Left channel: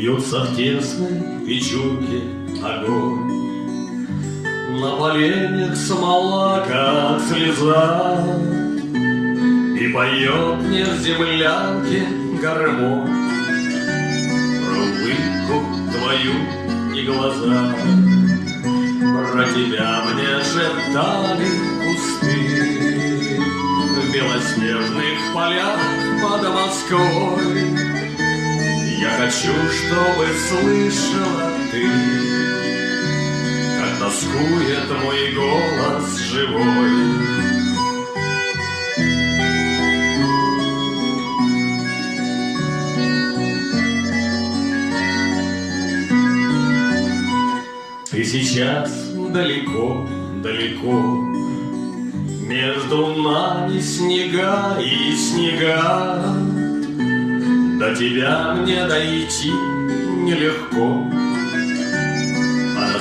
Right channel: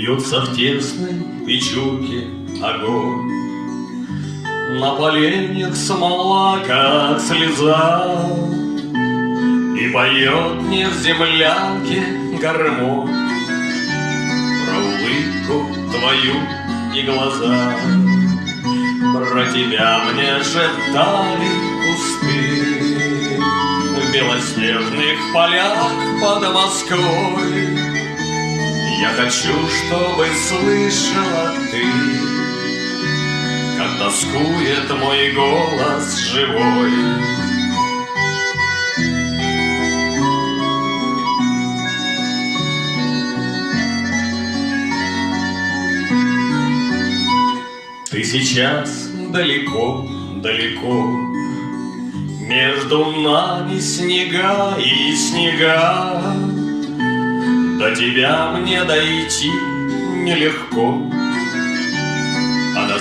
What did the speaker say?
Бьется в тесной печурке огонь, на поленьях смола, как слеза, и поет мне в землянке гармонь про улыбку твою и глаза. Про тебя мне шептали кусты в белоснежных полях под Москвой. Я хочу, чтобы слышала ты, как тоскует мой голос живой. Ты сейчас далеко, далеко, между нами снега и снега. До тебя мне дойти нелегко,